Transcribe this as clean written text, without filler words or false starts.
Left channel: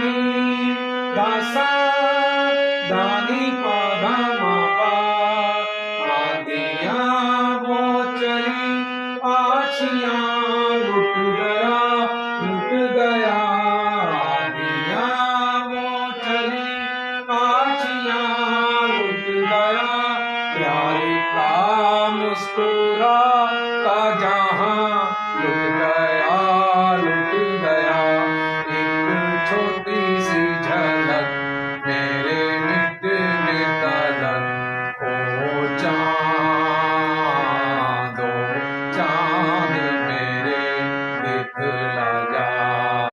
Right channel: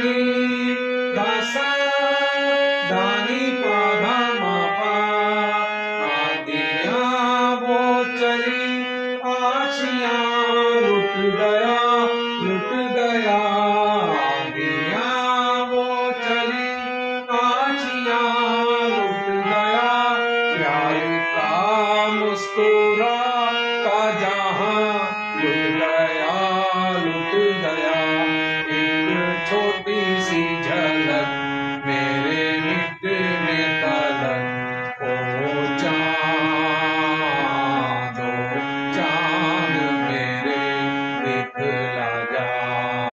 नी दासा दानी पाधा मापा आंधियां वो चली आशियां लुट गया आंधियां वो चली आशियां लुट गया प्यार का मुस्कुरा का जहां लुट गया एक छोटी सी झलक मेरे मिटने तलक ओ चांद मेरे दिखला जा।